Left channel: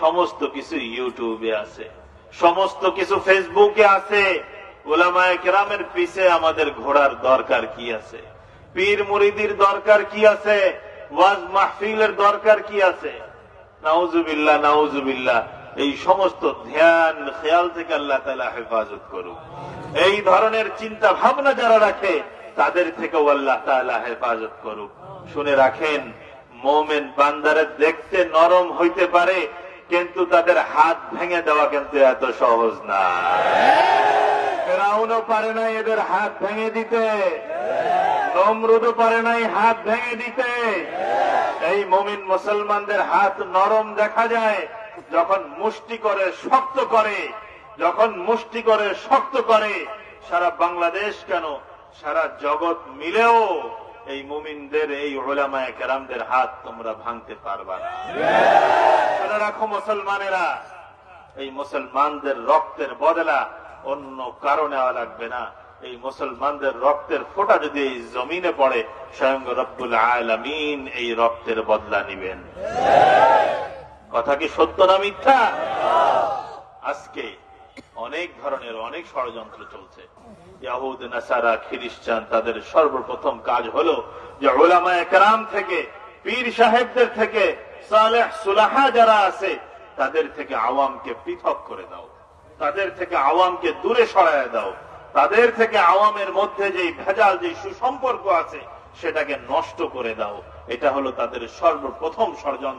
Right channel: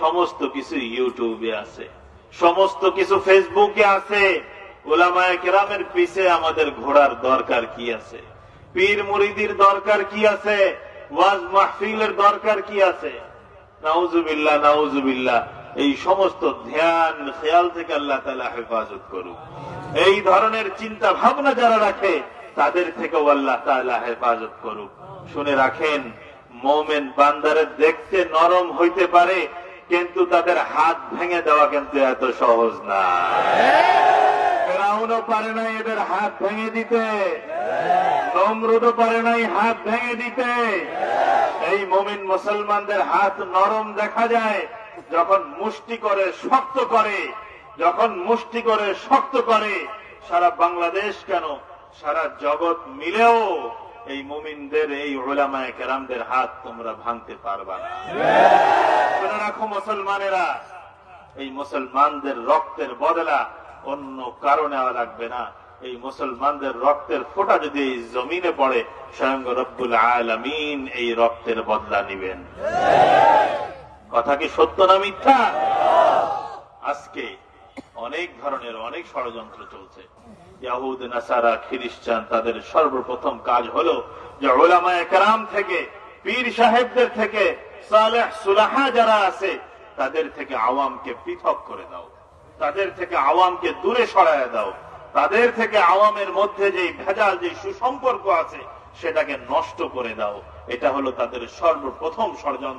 সমস্ত কিছু ইউটিউবে আছে, সমস্ত কিছু ফেসবুকে আছে। উলামায়ে কেরামের পিছে আমাদের ঘোড়ার দরকার কি আছে? পীর মুরিদির দরকার কি আছে? ওয়াজ মাহফিলের দরকার কি আছে? নাউজুবিল্লাহ, নাউজুবিল্লাহ। এই সমস্ত ধ্যান খেয়াল থেকে আল্লাহ তাআলা হেফাজত করুক। এই ধরনের চিন্তা ভাবনা যারা রাখে তাদের থেকেও আল্লাহ তাআলা হেফাজত করুক। শুনে রাখেন, মুমিন বান্দারে দেখতে নরম হইতে পারে, কিন্তু তাদের হাত ভেঙে দেওয়া কিন্তু এত সহজ না। ফেরাউনও পারে নাই এদের হাত ভেঙে দিতে, নমরুদও পারে নাই হাত ভেঙে দিতে। এই মুমিন মুসলমানদের হাত নরম দেখা যায় যখন মুষ্টি করে শক্ত করে, যখন মুষ্টি করে শক্ত করে। সারা বাংলাদেশ কেন, সারা জগৎ মিলেও এই মুমিনদের, এই উলামায়ে কেরামদের হাত তোমরা ভাঙতে পারবা না। মনে রাখো মুসলমানেরা, এই মুসলমানদের রক্তের বদলা অন্য কারণে লাগবে না। এই মুসলমানদের রক্তের ফোঁটা যদি এই জমিনে পড়ে, স্বয়ং রব্বুল আলামিন এই রক্তের বদলা নিবেন। কথা কি সত্য না মিথ্যা? আজকে অনেক ধরনের অনেক ষড়যন্ত্র চলছে। ইহুদ, নাসারা, খ্রিস্টান, তাদের সর্বপ্রথম কাজ হলো যে উলামায়ে কেরাম থেকে, পীর সাহেবদের থেকে, সালেহ সুলাহা যারা আছে তাদের থেকে আওয়ামকে পৃথক করে দাও, তাদের থেকে আওয়ামকে দূরে সরায় দাও, তাদের থেকে আওয়ামের মধ্যে যে ভেজাল, যে সুসম্পর্ক আছে সেটাকে নষ্ট করে দাও। এটা হলো তাদের সর্বপ্রথম ষড়যন্ত্র।